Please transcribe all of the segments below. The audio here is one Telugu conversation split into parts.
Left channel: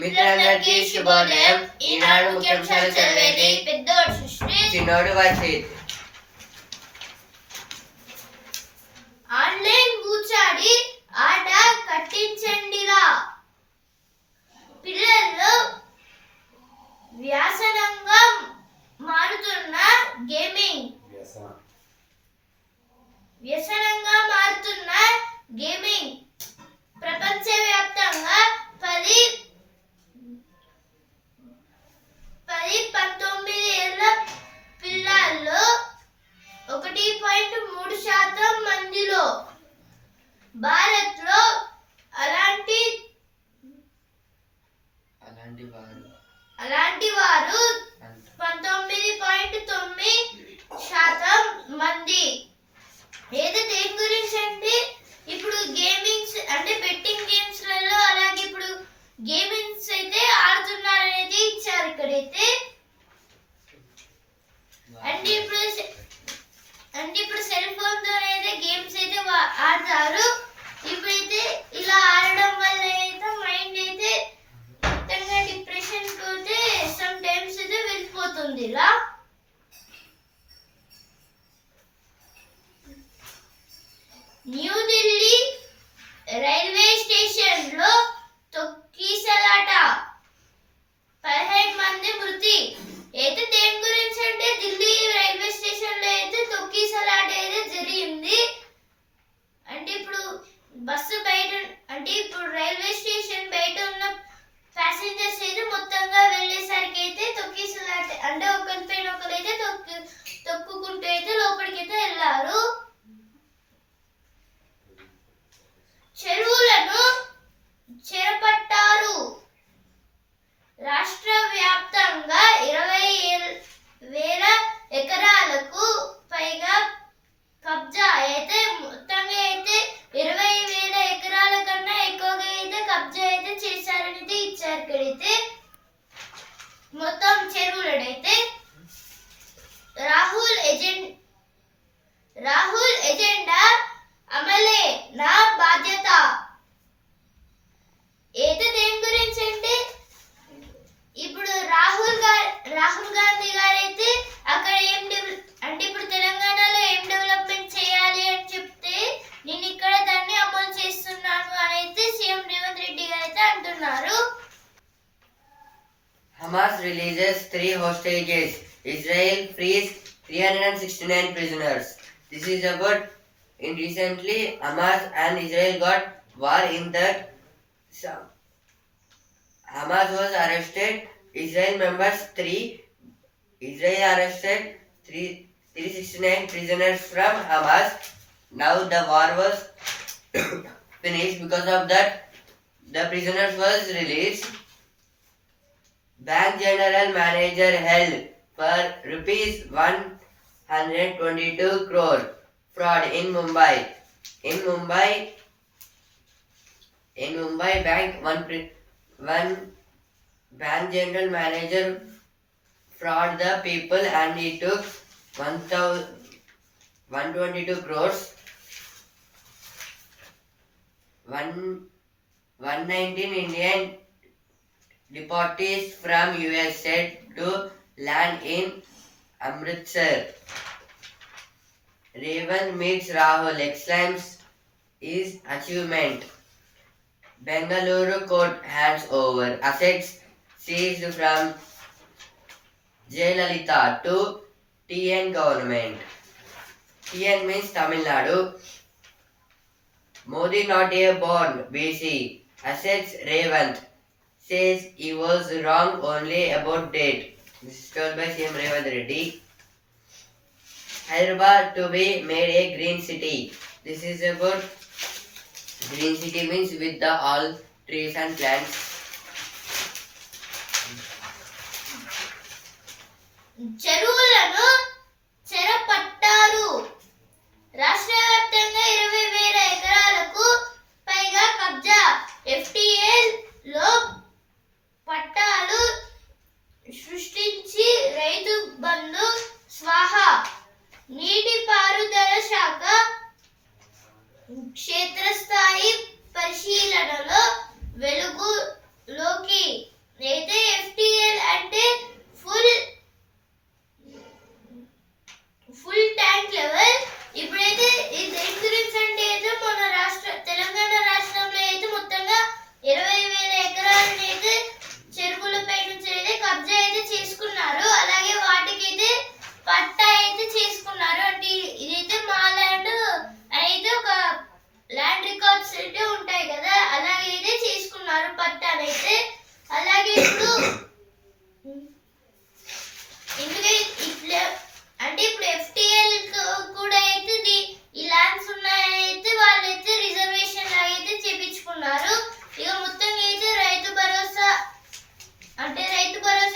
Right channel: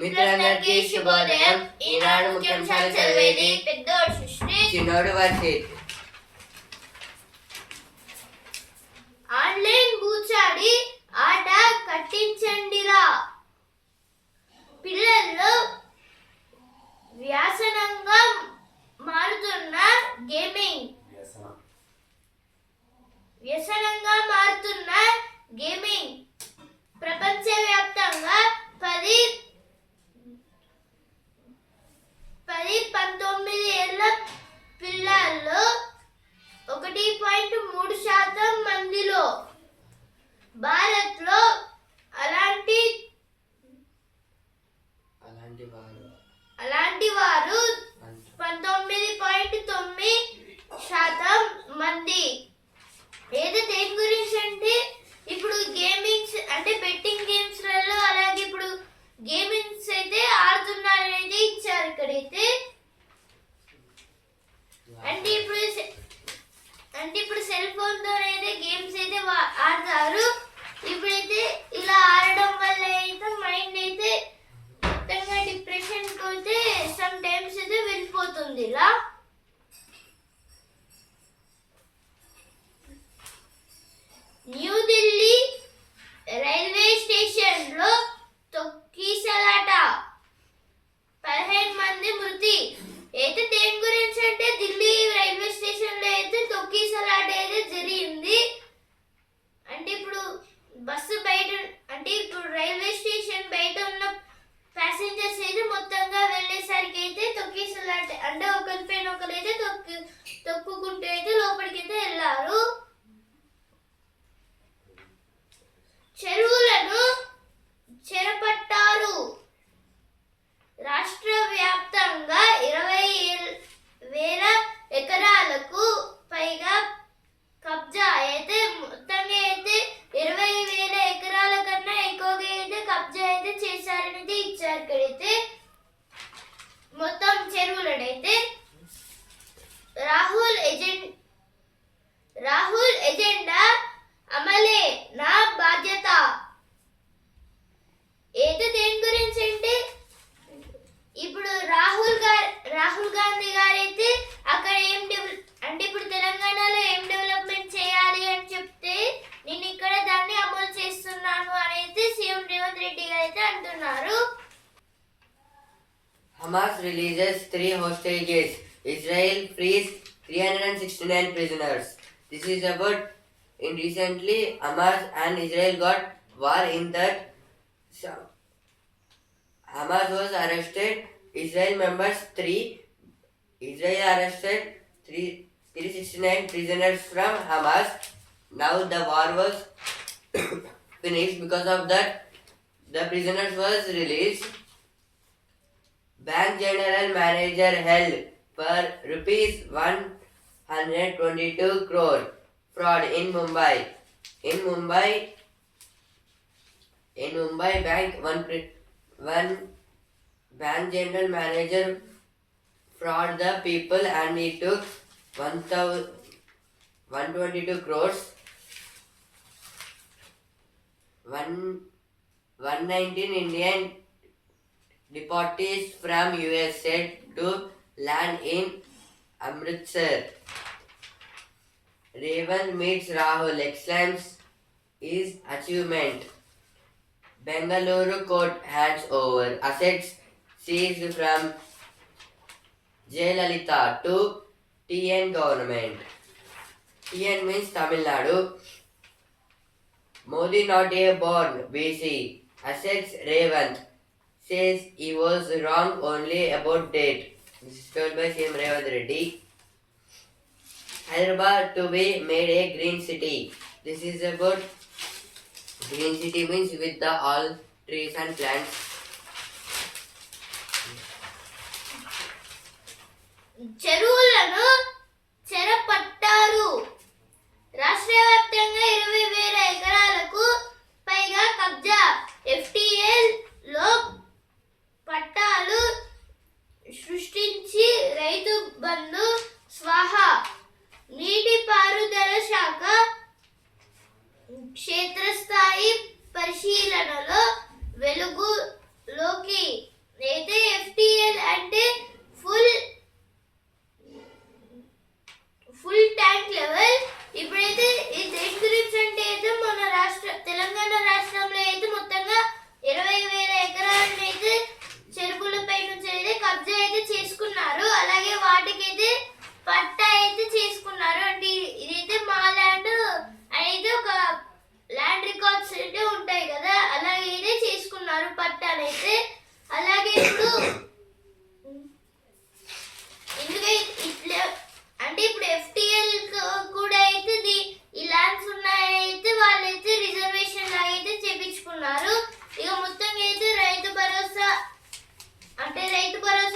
మిత్రులందరికీ శుభోదయం. ఈనాడు ముఖ్యాంశాలు చదివేది పెద్దోడు సృష్టి, చిన్నోడు వర్షిత్. ఆన్లైన్ బూచాడి ఆట కట్టించండిరా. పిల్లల్లో వ్యసనంగా మారుతున్న గేమింగ్ ప్రపంచవ్యాప్తంగా 10-19 ఏళ్ల పిల్లల్లో 1.3% మందిలో, భారత్లో అలాంటి వారు 19.9% మంది. ఏదో దేని గురించి అంటే ఇప్పుడు గేమింగ్స్ అంటే బెట్టింగ్ గేమ్స్లలో అలాగే ఇప్పుడు గేమింగ్స్ అయితే ఆడుతున్నారనేది ఇచ్చారు ఇక్కడైతే. అంటే ఇప్పుడు సెల్ ఫోన్ తోనైతే గేమ్స్ అయితే ఆడతారు. ఇప్పుడైతే ఇలా ఆడడం వల్ల అయితే మైండ్ అయితే మొత్తంగా డిప్రెషన్ పోతే సమ్ టైమ్స్ అయితే వెళ్ళిపోతుంది ఇలా. న్యూఢిల్లీ రైల్వే స్టేషన్ లో తొక్కిసలాట, 15 మంది మృతి. అయితే దేని గురించి అంటే ఢిల్లీ రైల్వే స్టేషన్ లో అయితే తొక్కిసలాట అయితే జరిగింది. అంటే ఇప్పుడు బస్సు బయట అంటే ఇప్పుడు రైల్వే స్టేషన్ బయట ఉన్న ప్యాసింజర్స్ అయితే మొత్తంగా వెళ్ళేసరికి అయితే తొక్కిసలాట అంటే ఒకరిపైన ఒకరైతే తొక్కుకుంటూ అయితే లోపలికి అయితే వెళ్ళారు. చెరువులను చెరపట్టారు. రాష్ట్ర వ్యాప్తంగా 20,000 ఎకరాలకు పైగా కబ్జా అయితే మొత్తంగా అయితే 20,000 ఎకరాల కన్నా ఎక్కువగా అయితే కబ్జా అయితే చేశారనేది ఇచ్చారు ఇక్కడైతే. మొత్తం చెరువులనైతే రాహుల్ ఎజెండా అమలే నా బాధ్యత. ఏదో దేని గురించి అంటే ఇప్పుడు రాహుల్ గాంధీ గారైతే అక్కడ అంటే ఇప్పుడు తెలంగాణలో ఏం డెవలప్మెంట్ చేయాలి అని చెప్తే నేను ఇక్కడ దాన్ని అమలు చేస్తున్నాను అని అయితే సీఎం రేవంత్ రెడ్డి గారు అయితే అంటున్నారు. Hamas releases 3 hostages. Israel frees 369 prisoners. This is about in recently Hamas and Israel got war in that Hamas was arrested. Israel arrested 369 prisoners from Hamas. Now the war was finished. Because of that, the prisoners was released. Bank General Manager held for rupees 122 crore fraud in Mumbai. In Mumbai one bank general manager fraud the people and he took 122 crores. 119 Indian deportees from US said to land in Amritsar. Revan meets Rahul, exclaims his achievement. Bengaluru court hands over assets seized from Jayalalitha to TN government. TN means Tamil Nadu. Modi not a born BC. Assets Revant says he was wrong only about date. This is told by CM Revant Reddy. Hyderabad to be made a green city. This is about green city means with the all trees and plants. చెరువులను చెరపట్టారు. రాష్ట్ర వ్యాప్తంగా 20,000 ఎకరాలకు పైగా కబ్జా. FTL లో పట్టాలు సృష్టించి రైతు బంధు స్వాహా. నీటిపారుదల శాఖ క్షేత్రస్థాయి పరిశీలనలో వెలుగులోకి కెపాసిటీ అయితే ఎఫ్టిఎల్ అంటే ఫుల్ ట్యాంక్ లెవెల్. ఇప్పుడైతే ఇది దేని గురించి అంటే అయితే మన తెలంగాణ రాష్ట్రంలో అయితే మొత్తంగా 20,000 ఎకరాలను అయితే చెరువులపై నుంచి అయితే కబ్జా అయితే చేసుకున్నారు. అలాగే వాటికైతే పట్టా అయితే చేసుకున్నారు. అంటే ఇదైతే మా ల్యాండ్ అయితే ఒక ల్యాండ్ రికార్డ్స్ అయితే ఉంటాయి కదా, అలాగే అయితే చేసుకున్నారు పట్టానైతే. అలాగే ఇప్పుడు ఎందుకంటే ఇట్లా అంటే ఇప్పుడు ఎఫ్టిఎల్ కూడా అయితే ఈ ల్యాండ్స్ ఉన్నాయని అయితే వాళ్ళైతే రిజర్వేషన్ లాగా అయితే చేపించుకున్నారు. ఇక మొత్తంగా అయితే రైతు భరోసా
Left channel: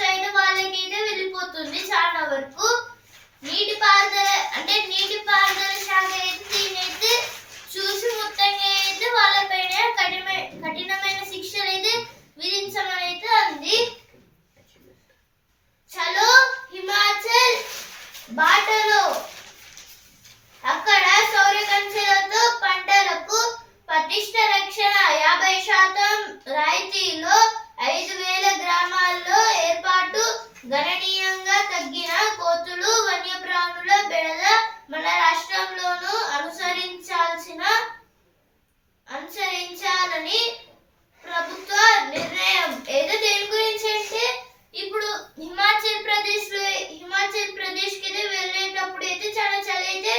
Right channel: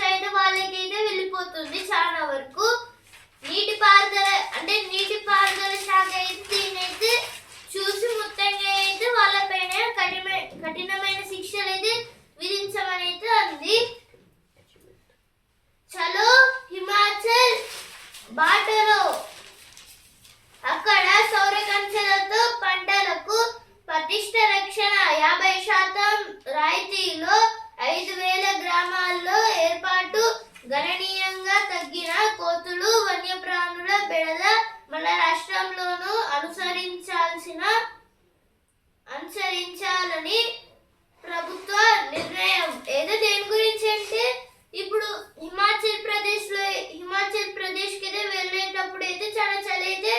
అయితే వాళ్ళకైతే వెళ్ళిపోతుంది చాలా వరకు. నీటిపారుదల శాఖ అయితే దీన్ని అయితే చూసి మొత్తంగా అయితే వాళ్ళపైన కఠినమైన శిక్షలు అయితే విధించమని అయితే అంది. చలో హిమాచల్ బాటలో అక్కడ సౌర కంచెలతో పంటలకు పటిష్ట రక్షణ 50% రాయితీలో 5,000 గ్రామాల్లో ఏర్పాటు. గణనీయంగా తగ్గిన కోతులు వన్యప్రాణుల బెడద మన రాష్ట్రంలోనూ అనుసరించాలని ప్రభుత్వ నిర్ణయం. ఏదో దేని గురించి అంటే ఇప్పుడు హిమాచల్ ప్రదేశ్ కి అయితే వెళ్ళేటప్పుడు అయితే చాలా చలి అయితే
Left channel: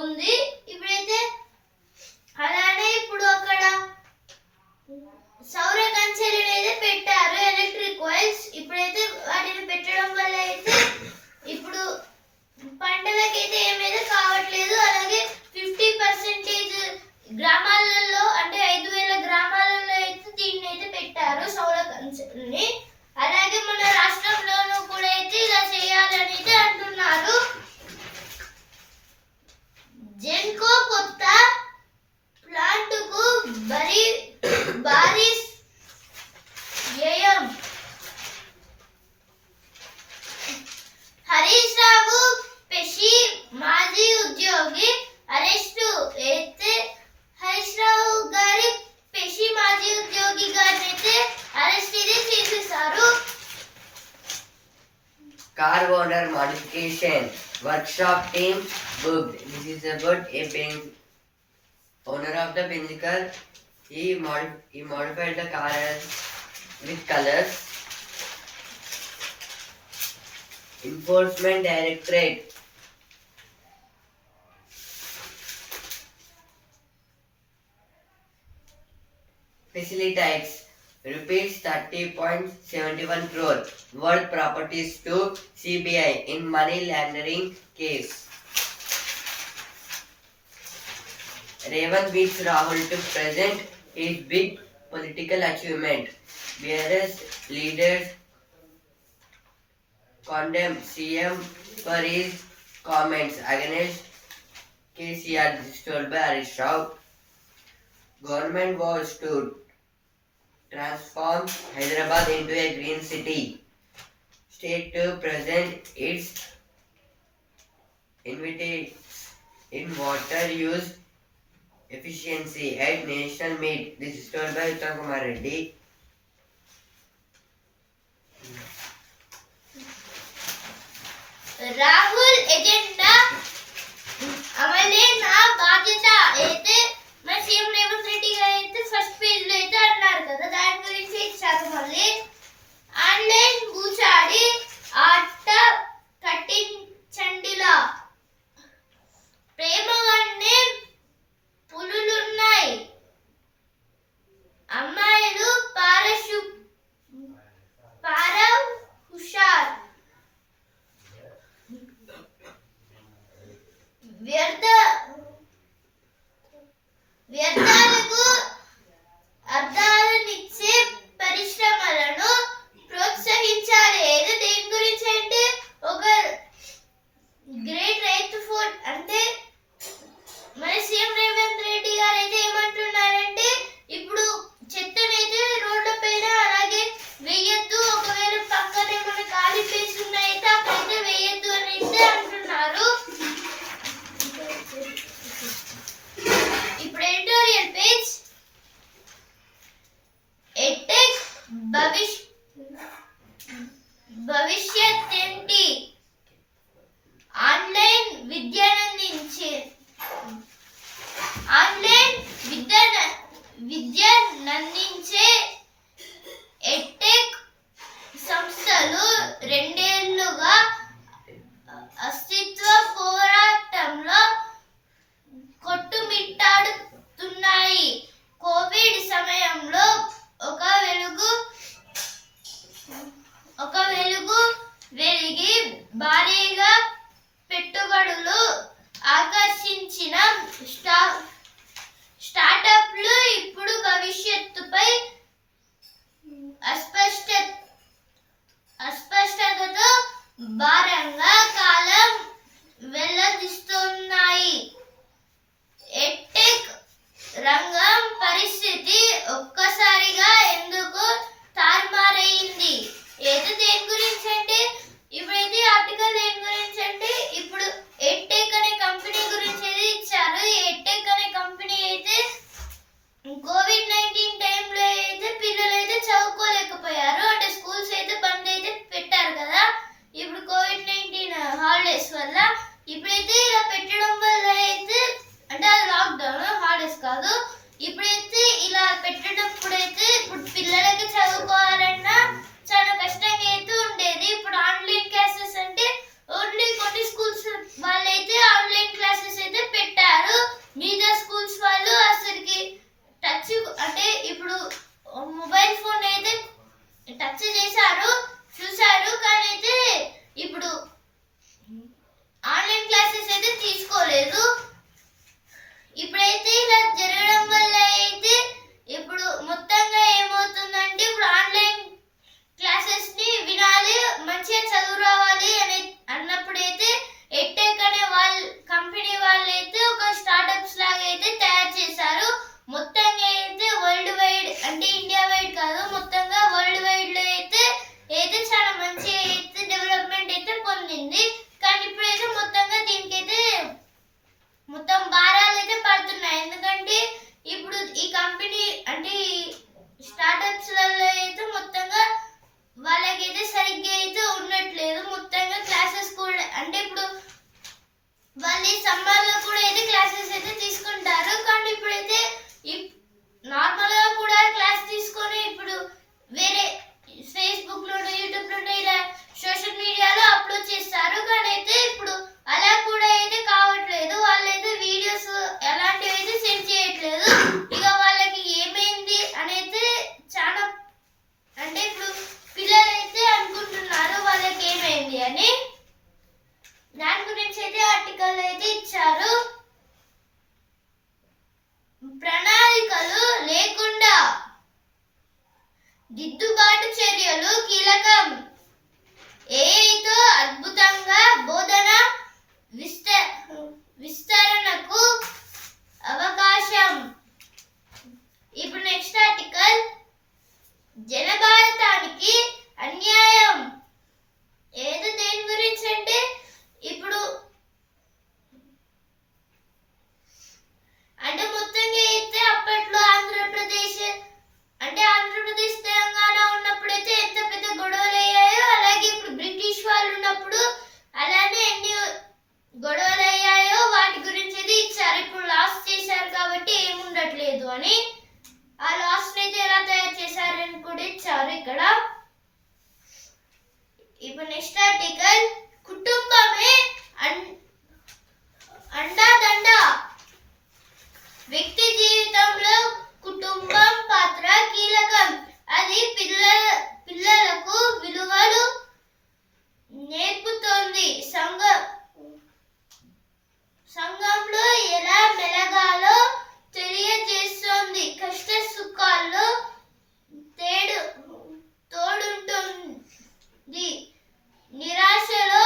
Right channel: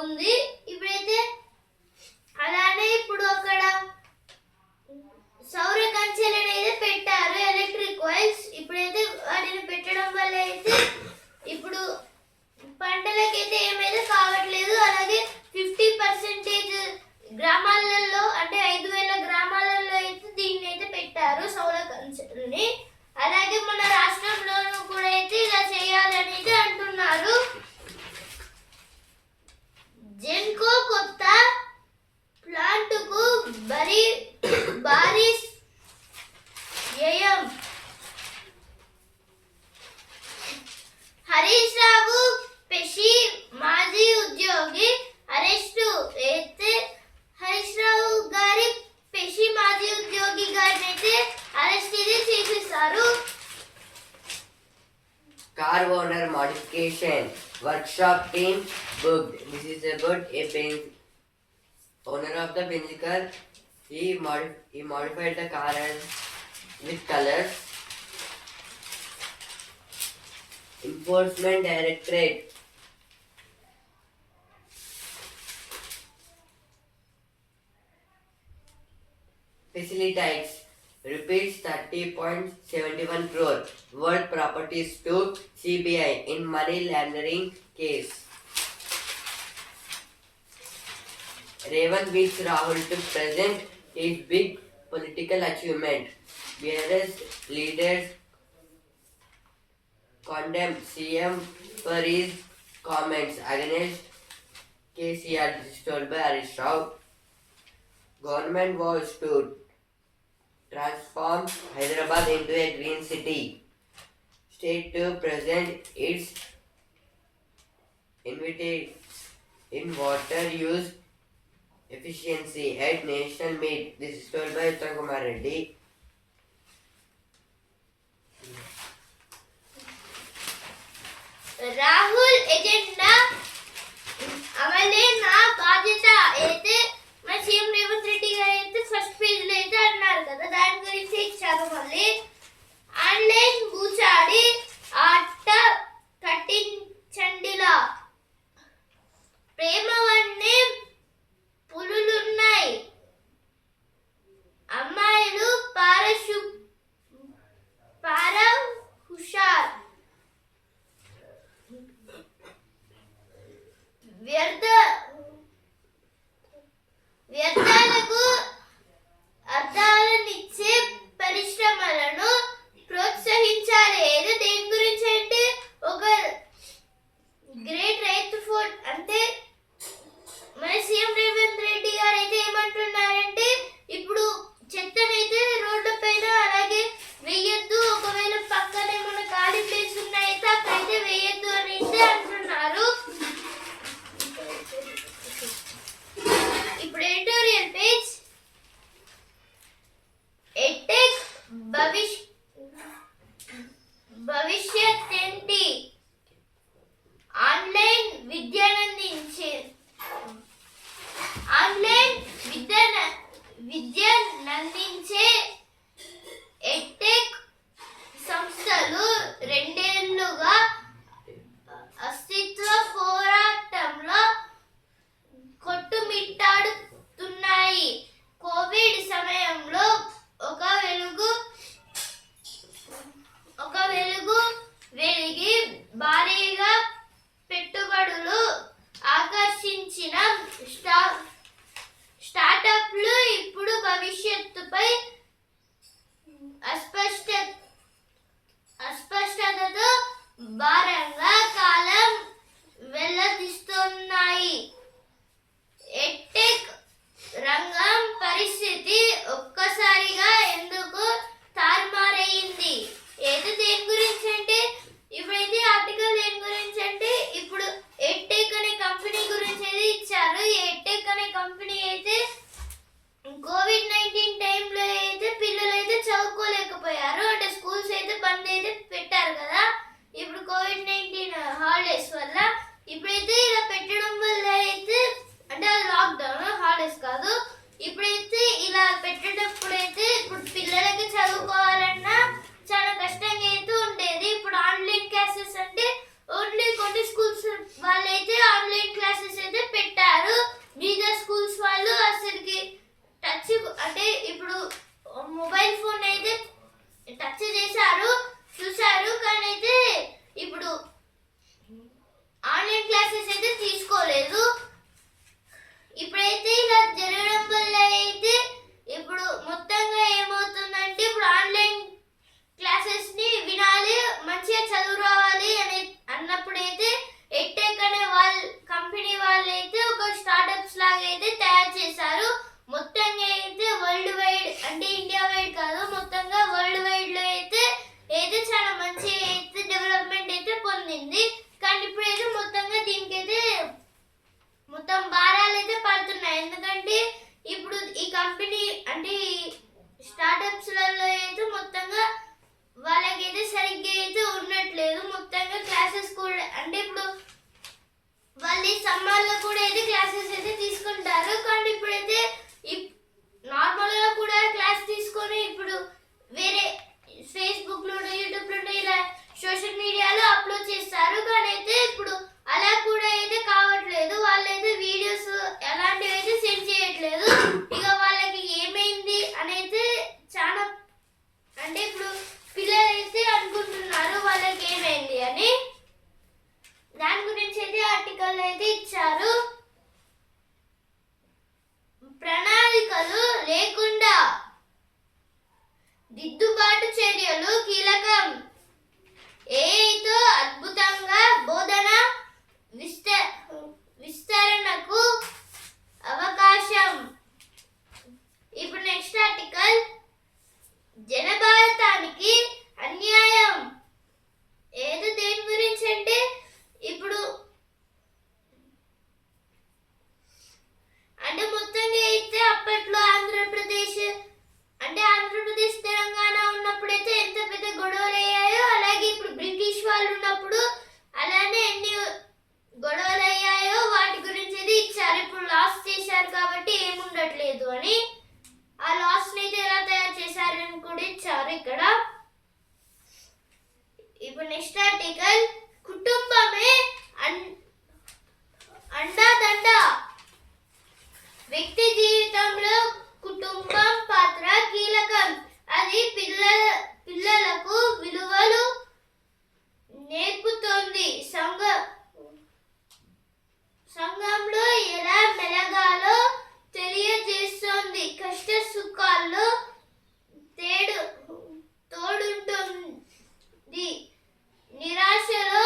ఉంది. ఇప్పుడైతే అలానే ఇప్పుడు అక్కడ సౌర కంచెలను అయితే పెట్టారు, ఎలక్ట్రిక్ వైర్స్. ఇప్పుడైతే వాటిని పెట్టడం వల్ల అయితే ఇప్పుడు పంటలకైతే ఏమైతే కావట్లేదు. అలాగే 50% గ్రామాలలో అంటే 5,000 గ్రామాలలో అయితే దీన్ని అయితే పెట్టారు సౌర కంచెల్ని. అలాగే మన రాష్ట్రంలోనూ కూడా అయితే ఇలా చేయాలని అయితే అంటున్నారు. జెన్కో కొత్త ప్లాంటుకు భారీ వ్యయం. హరీష్ రావు పెషి మాజీ ఉద్యోగి అరెస్టు. అయితే హరీష్ రావు గారి పెషి మాజీ ఉద్యోగి గారిని అయితే అరెస్ట్ అయితే చేసేసారు. Car owner modification workshop team booked. This is about owner of the Benz car. He modified the car with colors. Enforcement Directorate facilitates rupees 30.71 crore worth properties to CBI in money laundering case. Revant beats Rahul to present his big political achievement. BRS leaders condemned CM for his comments against KCR. This is told by Harish Rao. Government was to transform Hyderabad into a green city. State to present its initiatives in water use efficiency at national meet. This is told by Uttam Kumar Reddy. Rahul agenda అమలే నా బాధ్యత అయితే మన సీఎం రేవంత్ రెడ్డి గారు అయితే ఫస్ట్ పేజ్ లో అయితే అన్నారు కదా, దాని గురించి ఇచ్చారు. మళ్ళీ ఆన్లైన్ బూచాడి ఆట కట్టించండిలా ప్రేమ వన్నే పులులున్నాయి అమ్మాయిలు పార హుషార్. వ్యర్థాలకు అర్థాలనిచ్చే పరిశ్రమలను ప్రోత్సహించాలి. ఏదో దేని భవిష్యత్ ఏంటి? ఆన్లైన్ విద్యనందించే విద్యనందించే ఎడ్టెక్ సంస్థలు 2 ఏళ్లుగా అస్తిత్వ పోరాటంలో కొట్టుమిట్టాడుతున్నాయి. కోవిడ్ సమయంలో ఒక వెలుగు వెలిగి భారీగా పెట్టుబడులు ఆకర్షించిన స్టార్టప్లు ఇప్పుడు భవిష్యత్తుపై అస్పష్టతతో భారంగా కాలం వెల్లడిస్తున్నాయి. ఎడ్టెక్ రంగం పరిస్థితి ఒక్కసారిగా ఎందుకు తారుమారైంది? ఏదో దేని గురించి అంటే ఇప్పుడైతే ఆర్టికల్ దేని గురించి అంటే ఇప్పుడు ఎడ్టెక్ అనే కంపెనీ గురించి అయితే ఇచ్చారు. ఎడ్టెక్ అనే కంపెనీ అయితే కోవిడ్-19 టైంలో అయితే పిల్లలు అయితే చదువుకోలేకపోయారు. అంటే స్కూల్స్ అయితే బంద్ అయితే పెట్టారు కదా. ఇప్పుడు కోవిడ్-19 హాలిడేస్ వల్ల ఇప్పుడైతే ఇలా పెట్టడం వల్ల అయితే అంటే అది లాక్డౌన్, హాలిడేస్ కాదు. ఇప్పుడైతే ఇలా పెట్టేటప్పుడైతే ఇప్పుడు పిల్లలకి చదువుకోవాలన్నా చాలా కష్టంగా అయితే ఉండేది. ఇప్పుడు ఆన్లైన్ క్లాసెస్ అంటే ఓన్లీ కొన్ని స్కూల్స్ వాళ్ళైతే ఆన్లైన్ క్లాసెస్ అయితే పెట్టారు. మిగతా స్కూల్స్ వాళ్ళు అసలుకి టచ్ అంటే ఇప్పుడు మొబైల్ ఫోన్ అయితే టచ్ చేశారు, చూశారు, కానీ అయితే ఇప్పుడు ఆన్లైన్ క్లాసెస్ అయితే తీసుకోలేదు. ఇప్పుడైతే ఇలా జరగడం వల్ల అయితే ఇప్పుడు మొత్తంగా ఏమవుతుందంటే ఇప్పుడు ఆన్లైన్ క్లాసెస్ ని వినాలి, మంచిగా చదువు రావాలి అన్నప్పుడైతే ఎడ్టెక్ అనే కంపెనీ వాళ్ళైతే ఒక స్టార్టప్స్ లాగా అయితే తయారు చేశారు. మొత్తంగా అయితే వరల్డ్ వైడ్ అంటే ఇండియా వైడ్ కాదు, మొత్తంగా వరల్డ్ వైడ్ లో అయితే చాలా మంచి అయితే డెవలప్మెంట్ అయితే పొందింది. కానీ ఇప్పుడైతే మొత్తంగా దీనికైతే మొత్తం భారాలు అయితే పడుతున్నాయి. ఎందుకంటే ఇప్పుడు ఈ కంపెనీ అంటే స్టార్టప్స్ లలో అయితే మొత్తంగా వాళ్ళకైతే సరిగ్గా అయితే ఉండట్లేదు. మొత్తంగా క్లాసెస్ కూడా అంటే ఇప్పుడు వాళ్ళు సమ్మర్ లో కూడా అయితే క్లాసెస్ అయితే తీసుకుంటారు. కానీ ఇప్పుడైతే నార్మల్ గా కూడా క్లాస్ తీసుకొని ఇప్పుడు వేరే ఫేస్బుక్ లోనో యూట్యూబ్ లోనో ఇలా సోషల్ మీడియాలో అప్లోడ్ చేస్తారు. కానీ అయితే ఇప్పుడు అలా కూడా అయితే కావట్లేదు. వాళ్ళైతే వీడియోస్ అలాంటివి అయితే సెండ్ చేయట్లేదు. ఇక వాళ్ళకి ఏమైంది అనేది చాలా అంటే ఇప్పుడు పిల్లలు అయితే అనుకుంటున్నారు వాళ్ళకి ఏమైంది అని. దాని గురించి అయితే ఆర్టికల్ అయితే ఇచ్చారు. ప్రణాళికలు లేకుండా దిద్దుబాటు చర్యలు కీలకం. ఏఐతో అద్భుతంగా బోధన విస్తరణకు అవకాశం. ఇప్పుడు నెక్స్ట్ ఆర్టికల్ జనభారతానికి అన్యాయం. ఏదో దేని గురించి అంటే ఇప్పుడు అంటే మొత్తంగా అయితే అప్పట్లో ఆంధ్రప్రదేశ్ తెలంగాణ ఉన్నప్పుడైతే ఎంత పెద్ద గొడవలు అయ్యాయో అలాగే ఇప్పుడు బ్రిటిష్ వాళ్ళు ఉన్నప్పుడు అలానే ఎన్ని గొడవలు అయ్యాయో వాటి గురించి అయితే ఇచ్చారు. ఇప్పుడు లాస్ చేశారు కాబట్టి ఏముండట్లేదు అని. ఆ లాస్ అయితే ఎలా తయారు చేశారని కూడా ఇచ్చారు ఇక్కడ. ఇప్పుడు నెక్స్ట్ ఆర్టికల్ కుటుంబమే అండాదండ. వ్యక్తి జీవితంలో కుటుంబం పాత్ర కీలకం. అది పిల్లలకు విలువలు నేర్పుతోంది. సంఘంలో ఎలా మెలగాలో తెలియజేస్తోంది. కష్ట సుఖాల్లో తోడుంటుంది. నిరాశలో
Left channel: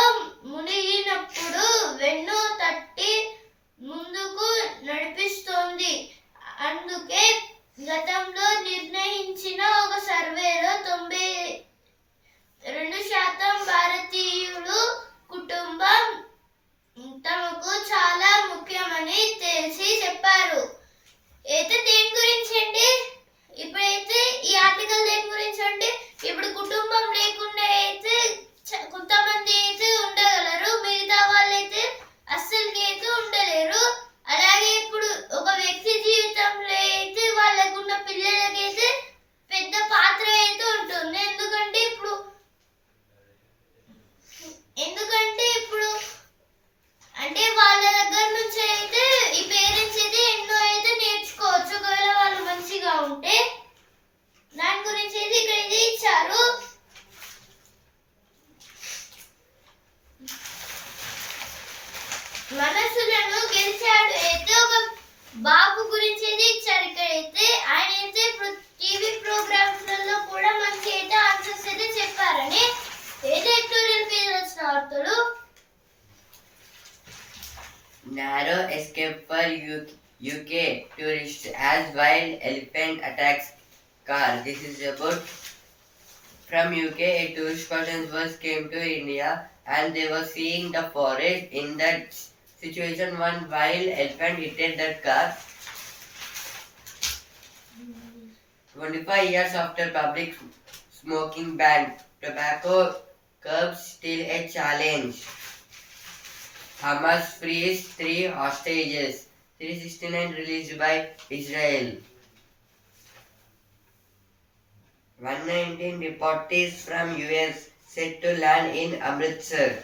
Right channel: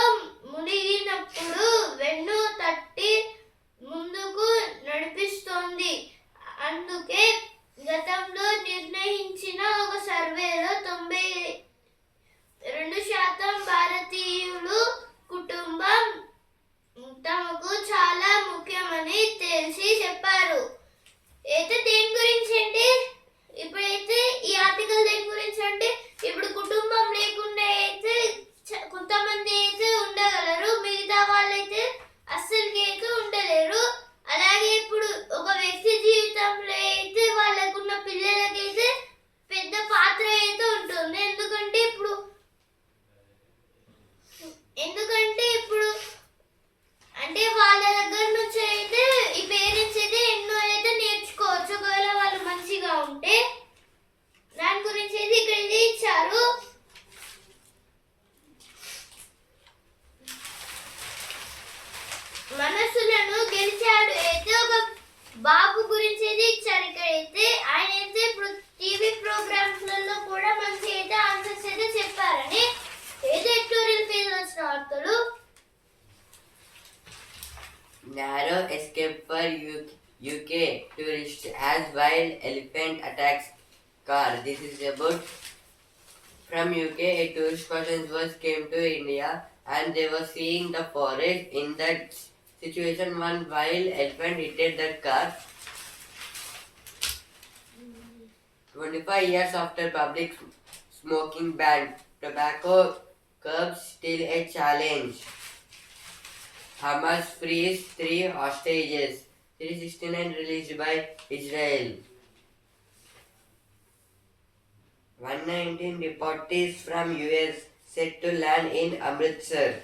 UK tourists as wild elephant attacks car. This is about from UK. A tourist person was came to India and they were seeing the forest. In that situation, one wild elephant hit that car. 25 years after public smoking ban, tobacco curbs still a challenge. Hamas frees 3 hostages. 369 released by Israel. 119 deportees from US set to land in Amritsar.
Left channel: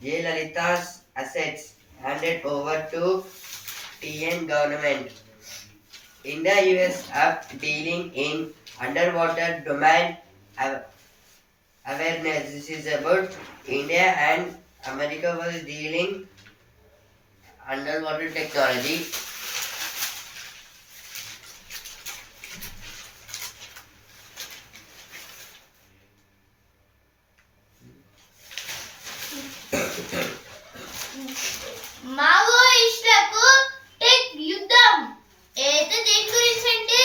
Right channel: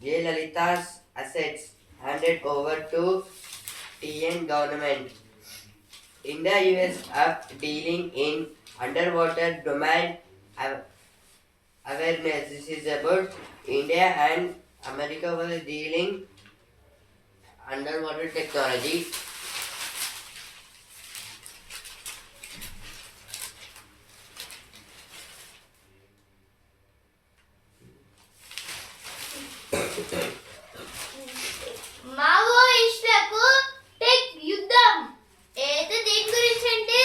Jayalalitha's assets handed over to TN government. India US up dealing in underwater domain awareness. This is about India and America was dealing underwater technology. మావోయిస్టులకు టెక్ యుద్ధం అయితే దేని గురించి అంటే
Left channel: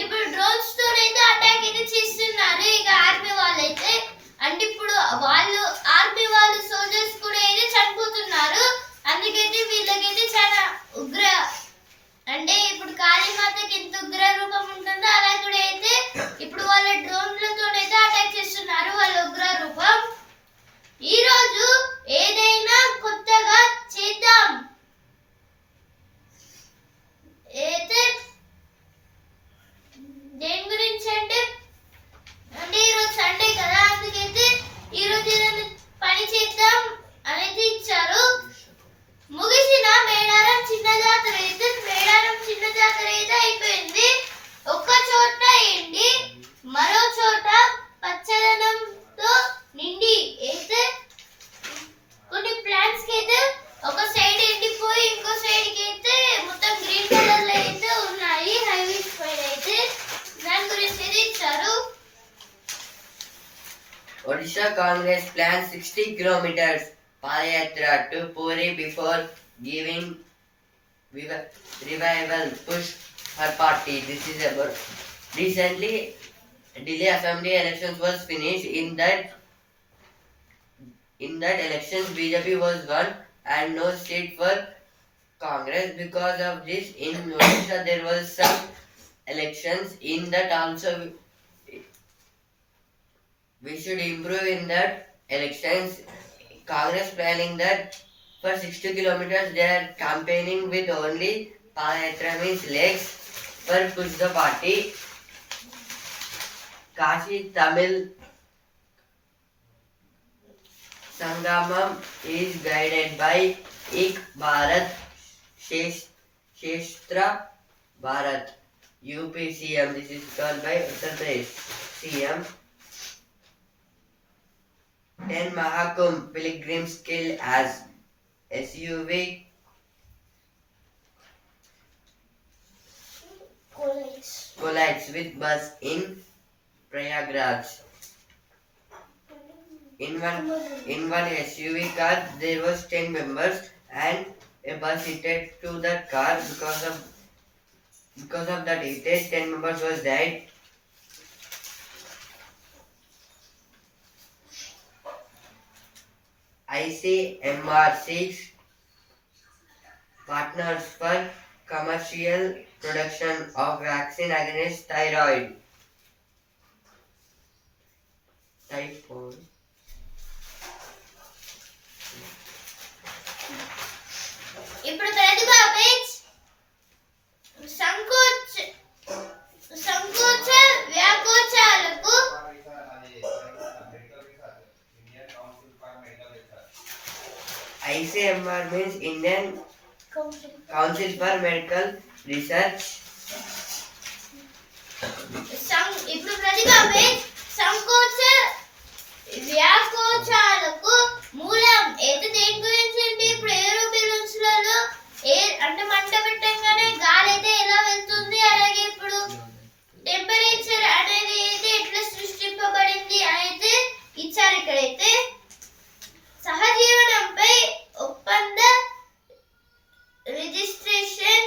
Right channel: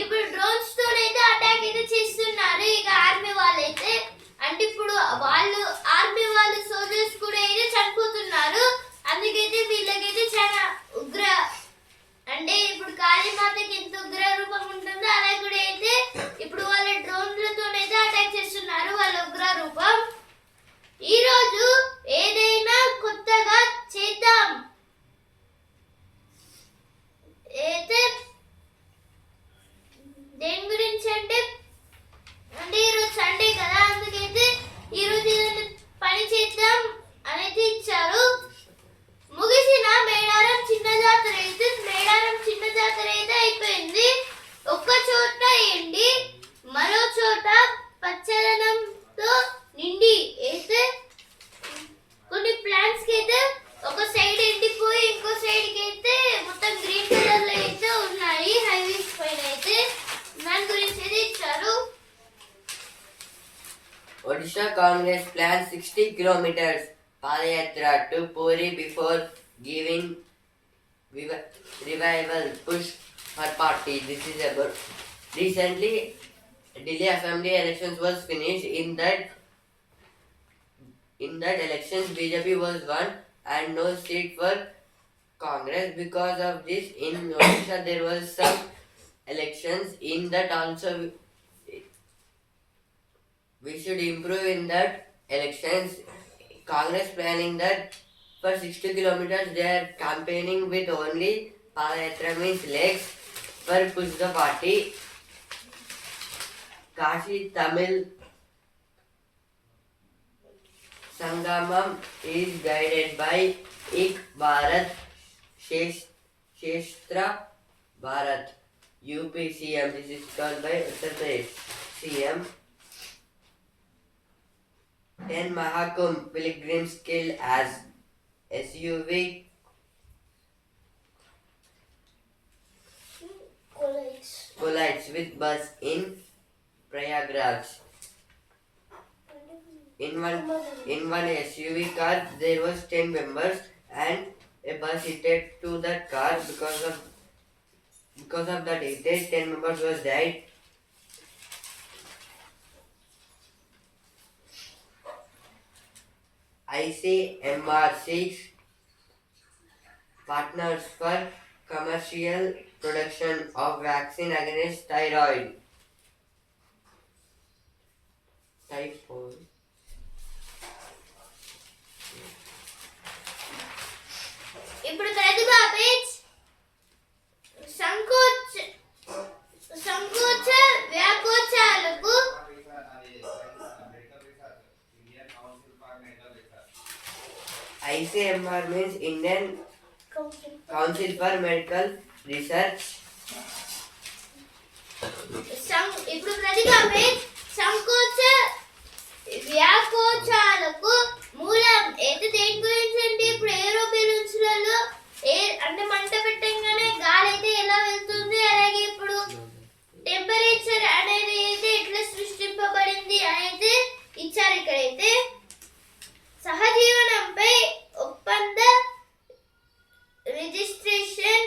ఇప్పుడు డ్రోన్స్ తోనైతే అటాక్ అయితే చేస్తున్నారు ఇక ఆర్మీ వాళ్ళైతే అంటే ఇప్పుడు వాళ్ళు ఆర్మీ వాళ్ళు సోల్జర్స్ కూడా అయితే చనిపోతున్నారు అందుకైతే వీళ్ళకైతే చాలా ఉగ్ర అంటే ఇప్పుడు కాళీమాతకి ఎంత ఉగ్ర రూపం ఉంటుందో అలా కూడా అయితే ఇప్పుడు వాళ్ళ డ్రోన్లతోనైతే అటాక్ చేస్తున్నారు వాళ్ళ ఉగ్ర రూపం ఈ రోజు ఏదైనా కొత్తగా చేద్దాం అయితే దేని గురించి అంటే ఈరోజు సండే కదా అందుకైతే ఈరోజు ఏదైనా పని చేద్దాం అనేది ఇచ్చారు ముగిసిన మేడారం చిన్న జాతర అయితే అయిపోయింది ఒక్క చోట ఎండి మరో చోట పచ్చదనంతో నిండి అయితే కొన్ని ప్లాంట్స్ కి అయితే ఒక సైడ్ ఎండిపోయి ఇంకో సైడ్ కి అయితే మొత్తం గ్రీన్ కలర్ లో అయితే ఉన్నాయి హైవేస్ పైన అయితే దాని గురించి అయితే ఇచ్చారు Odisha Congress plans 60 kilometers Padayatra to Puri before giving revival push for party. This is about recently Delhi Assembly elections was finished. In that elections BJP was won and no seat for Congress. Because of this, in Odisha there was some elections. In that also we should improve in that elections. Congress planning that for 60 kilometers they are campaigning with only Padayatra means legs for push the party. Kashi Tamil Sangamam is guided by Ik Bharat Shestra Bharat UPCM. This is called by Uttar Pradesh CM. 10 Mahakumbh pilgrims killed as SUV collides with bus in Prayagraj. In one SUV car there was 10 members and a bus hit to that car. Because of that hit, 10 members was died. ICMR seeks partners for commercial production of vaccine against typhoid. ఇప్పుడు ప్రతిభా page సంకోచ వ్యాకోచాలకు ICMR means Indian Council for Medical Research. ఇప్పుడు ప్రతిభా పేజ్ సంకోచ వ్యాకోచాలకు మూలం అయితే దేని గురించి అంటే ఇప్పుడు ఏరోబెలూన్స్ లలో అంటే మంట పెట్టంగానే గాలి అయితే ఎలా వెళ్తుంది అలాగే ఇప్పుడు టెంపరేచర్ అనేది అయితే ఎట్లా సృష్టింపబడింది అనేది ఇచ్చారు ఇక్కడైతే సహజీవనంపై ఒప్పంద registration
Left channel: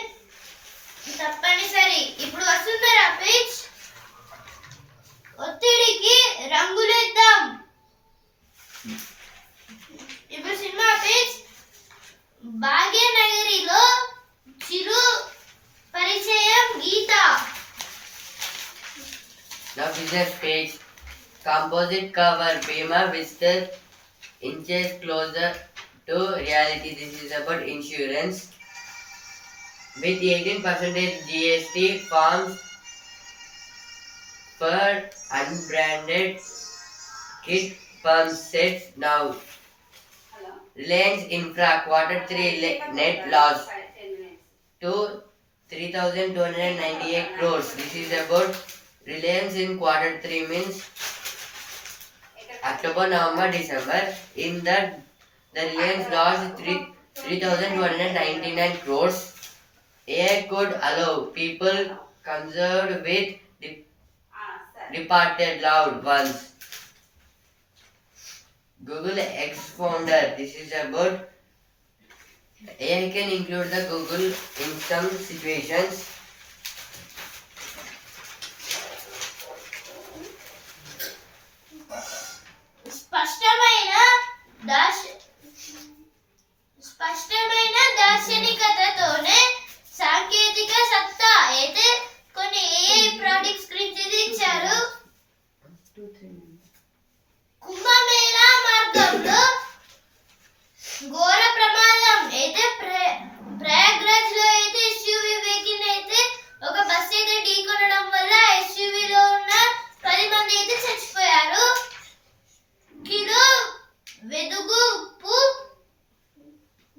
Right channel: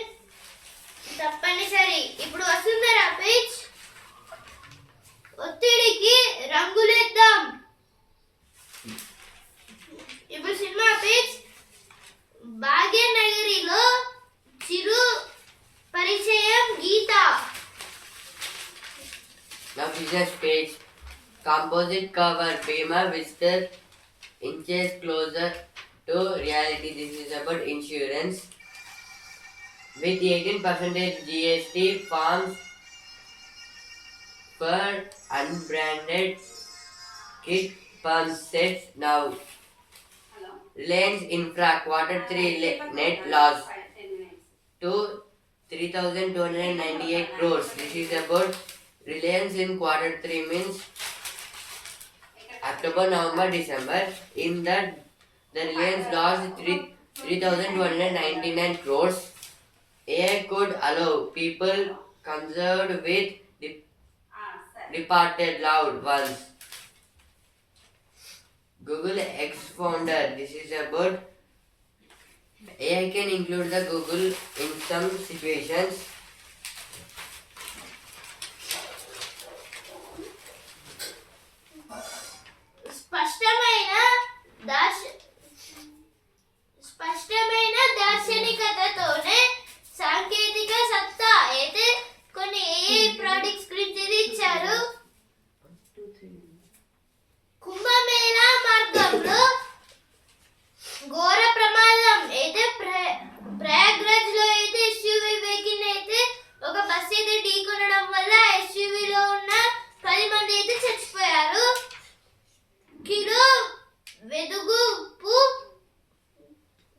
composite cover Bima with the inches closer to reality. This is about insurance. With 18% GST forms for unbranded kit pump sets now. Reliance Infra Q3 net loss to 3,298 crores. This is about Reliance in Q3 means October, November, December. In that, the Reliance lost 3,299 crores. AI could allow people conserved with departed loved ones. Google ex-founder. This is about AI can include the Google in some situations. స్పష్టమైన దార్శనికతతోనే సాంకేతిక సత్తా అయితే కొన్ని ఏఐ ప్రాజెక్ట్స్ గురించి ఇచ్చారు. కుంభమేళా మార్గంలో ఘోర ప్రమాదం అయితే ప్రయాగ్రాజ్ లో అయితే ఎస్యూవి వెహికల్ అయితే ఒక బస్ అయితే ఢీకొనడం వల్ల ఎస్యూవిలో ఉన్న 10 మంది అయితే చచ్చిపోయారు. కిలో వెదుగు ఉప్పు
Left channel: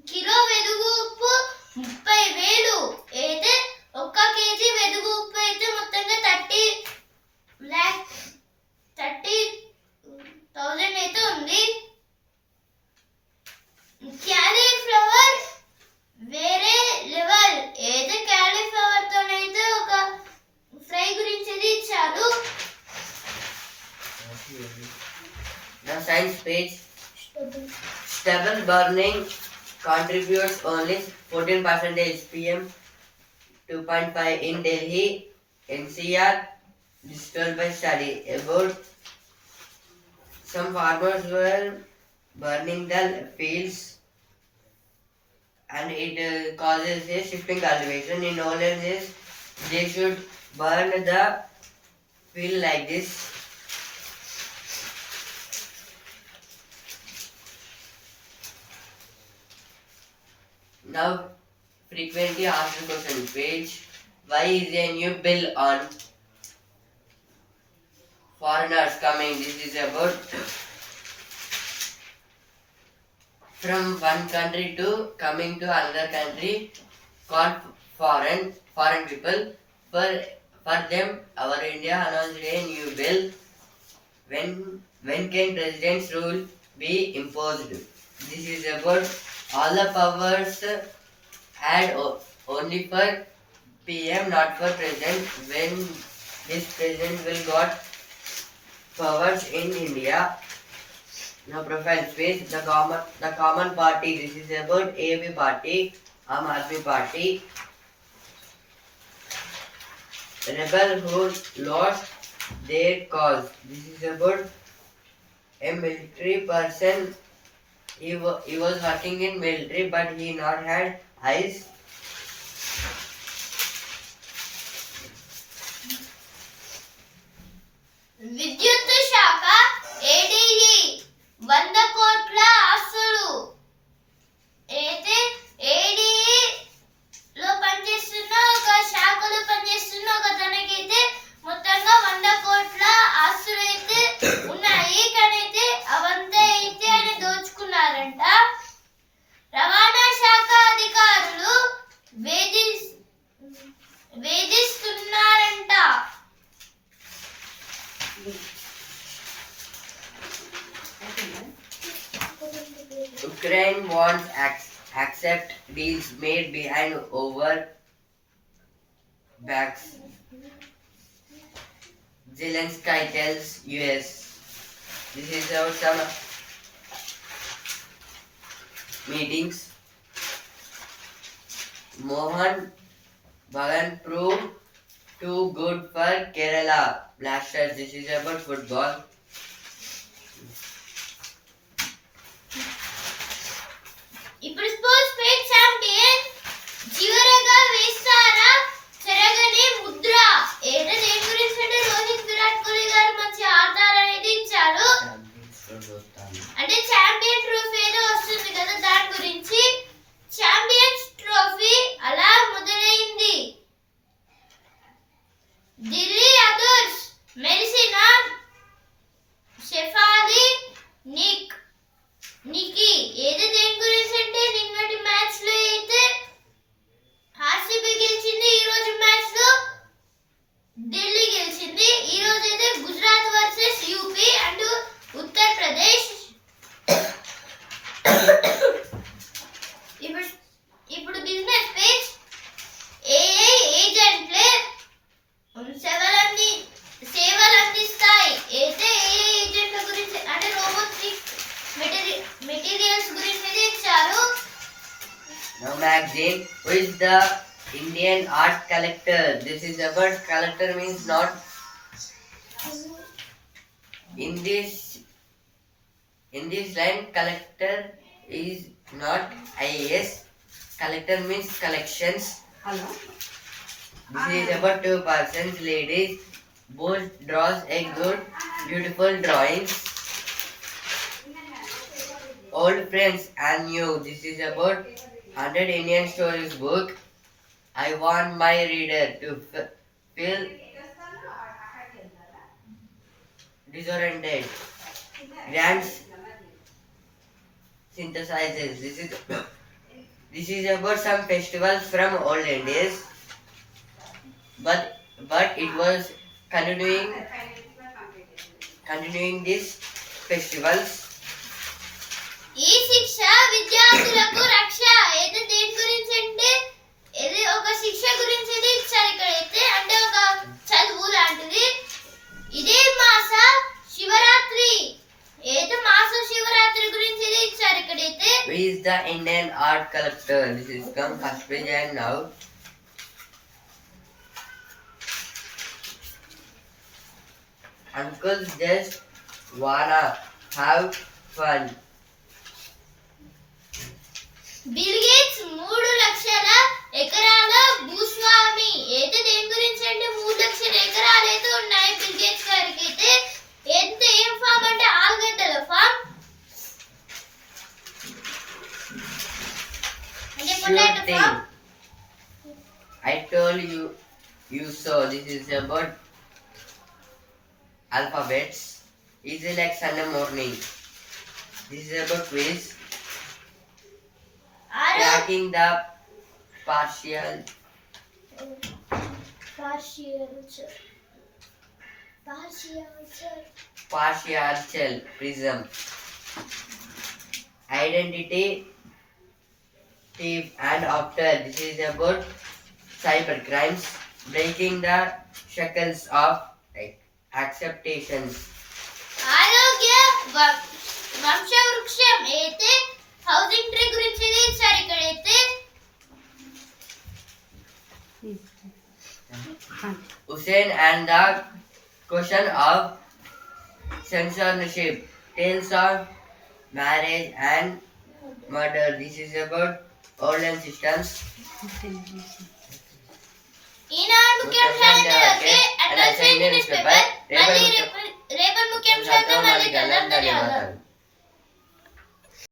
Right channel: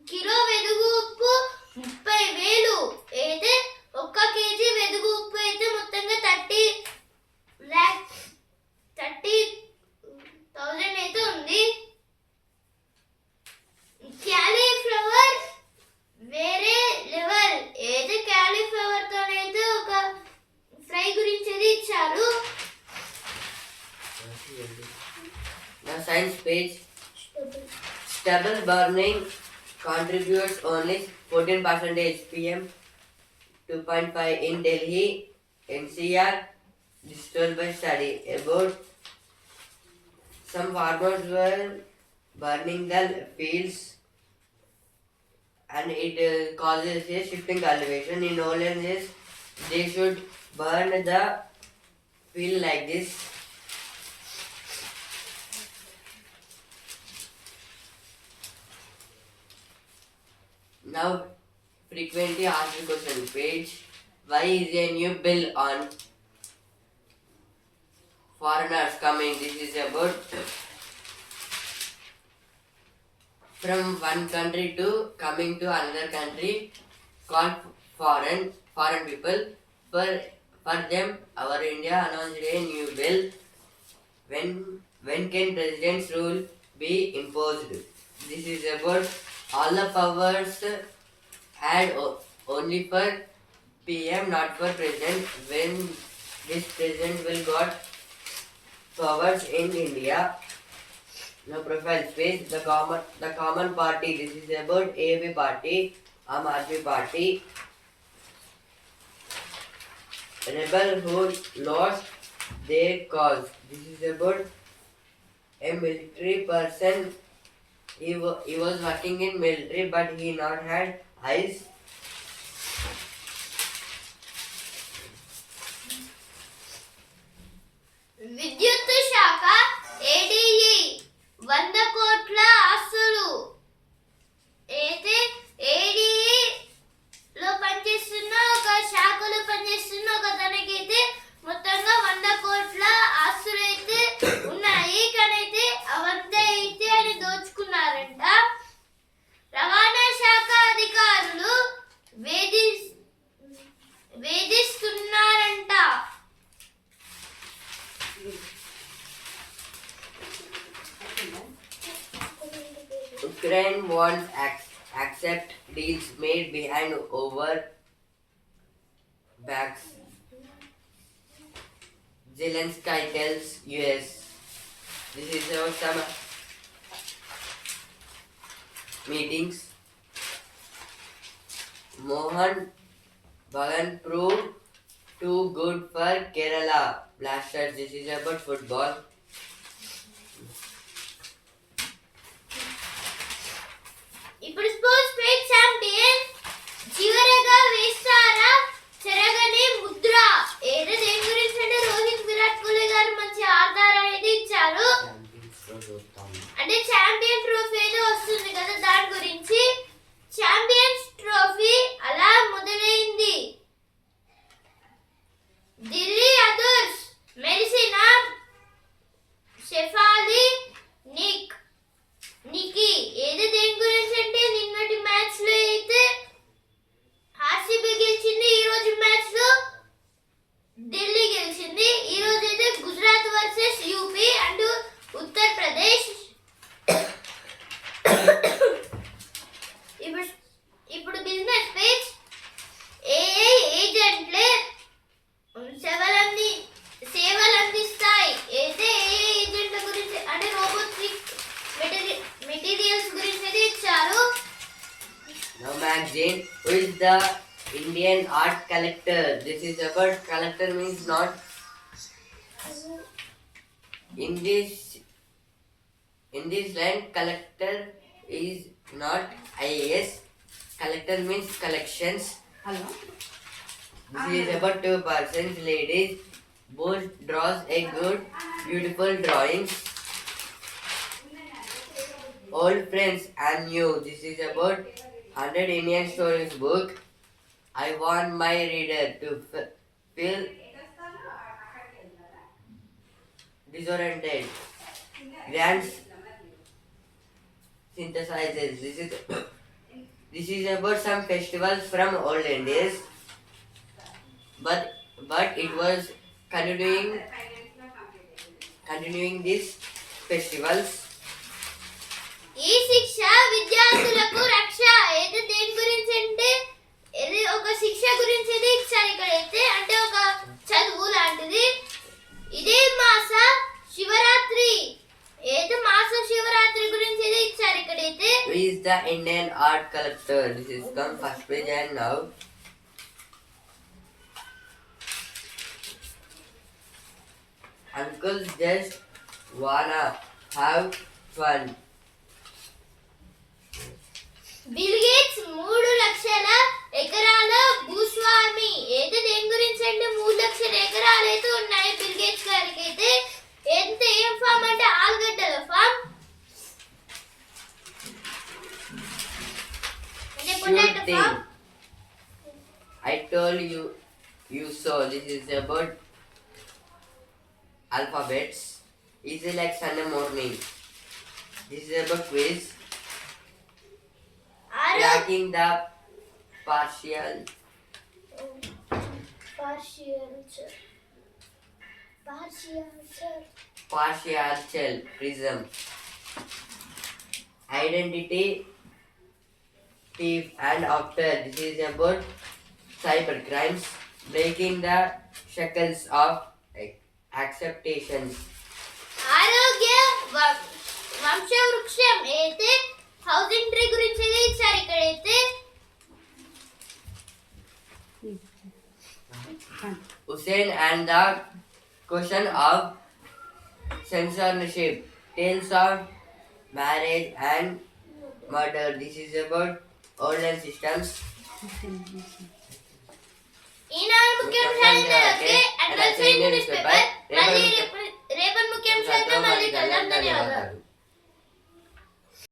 30,000 అయితే 1 కేజీ వెదుగు ఉప్పు అయితే మొత్తంగా 30,000 అయితే ఉంది. క్యాలీఫ్లవర్ వేరే లెవెల్ అయితే క్యాలీఫ్లవర్ తోనైతే ఒక ఫ్రై గురించి ఇచ్చారు. Now science page. Stubble burning contributes only 14% PM 2.5 in Delhi NCR. Digital by study about some farmers were burning the fields and it causes a shifting cultivation. In Olens is they should burn the field like this. Now, frequently asked question page. Why is a new bill on foreigners coming? This is about from one country to coming to another country called foreign people. For them, our India announced a new bill. When can president's rule be imposed? This is about all the powers had only for PM, not for president. When this president will got powers in India. Now profile space, the common party. This is about AB party, Aam Aadmi party. Rebel who lost their cause. This is about a military person. He was working in military, but he not had eyes. విద్యుత్ శాఖ ఏడీఈ 100 కోట్ల ఆస్తులు అయితే ఏడీఈ లో పనిచేస్తున్న ఒక శాఖలో పనిచేస్తున్న ఒక తనకైతే మొత్తంగా 100 కోట్ల ఆస్తులు అయితే ఉన్నాయి. కానీ అయితే అవంతా అయితే ఆయన దోచుకున్నారంట. రవాణా శాఖ అధికారులు వేధిస్తున్నారంట. Ukraine wants accept deals made behind over backs. Zelensky tells US. This is about some meetings. Mohan Bagan proved too good for Kerala Blasters. This is about football. ఇప్పుడు స్పోర్ట్స్ పేజ్ ఛాంపియన్ చివరగా వేస్తారా చెరగని ముద్ర ఏదో దేని గురించి అంటే రోహిత్ విరాట్ కోహ్లీ గారు మంచి ఆడతారనేది అంటే ఛాంపియన్ ట్రోఫీ ఏదో వస్తుంది కదా దాని గురించి. ఛాంపియన్స్ ట్రోఫీ అలా మొదలైంది. ఢిల్లీ అదర్స్ మెరిసిన షెఫాలి నికి ఏది దేని గురించి అంటే నిన్నటి మ్యాచ్ లో అయితే ఆర్సీబీ గెలిచింది, ఈ రోజు మ్యాచ్ లో ఢిల్లీ గెలిచింది. ఈ రోజు అయితే గుజరాత్ వర్సెస్ యూపీ అంటూ ఉత్తరప్రదేశ్. ఇప్పుడు బిజినెస్ పేజ్. ఏఐ ఏజెంట్లే సేవలు అందిస్తాయి. అయితే ఏఐ ఏజెంట్ల గురించి అంటే రోబోటిక్ మెటీరియల్స్ గురించి అయితే ఇచ్చారు. Now magazine. Who is the Indian art collector? This is about collector means not in this line. Collector is not IAS. Collector means collections. This is about two persons, ladies. Both draws a good, beautiful drawings. Old friends and new. This is about 100 Indian stories book. I want my reader to feel disoriented. Grants synthesizes. This is about some festivals from olden days, but it was continuing these festivals. ఈ శిక్ష విద్యార్థులకు రక్ష. అయితే దేని గురించి అంటే ఇది ఒక శిక్ష గురించి ఇది ఇచ్చారు ఇక్కడైతే, అంటే ఒక చదువు లాంటిది. ఇదే మాస శివరాత్రి. అయితే మాస శివరాత్రి గురించి ఇది ఇచ్చారు ఇక్కడైతే. Who is the Indian art collector? This is come first page and now. Uncles just wanna have fun. Bill gates 3 లక్షల ఎకరాల భూస్వామి. అయితే దేని గురించి అంటే 3 లక్షల ఎకరాలు అయితే ఉన్నాయి బిల్ గేట్స్ గారికి. అయితే ఏం ఫామ్ అంటే ఆలుగడ్డల ఫామ్ అంటే potato farm. I told you so. This is about alphabets. Easy like Sunday morning. This is about quiz. Tracking the partial prism. Identity thief and after. This is about cyber crimes. Breaking the shackles of acceptations. ఆరోగ్య వంశవృక్షం. అయితే హౌసింగ్ ట్రీ గురించి ఇది ఇచ్చారు ఇక్కడైతే. Hussein and the question of censorship. Tales of marriage and murder. This is about olden systems. ఈనాడు ముఖ్యాంశాలు ఓకే. Address news paper. మళ్ళీ రేపటి ముఖ్యాంశాలతో మళ్ళీ కలుద్దాం.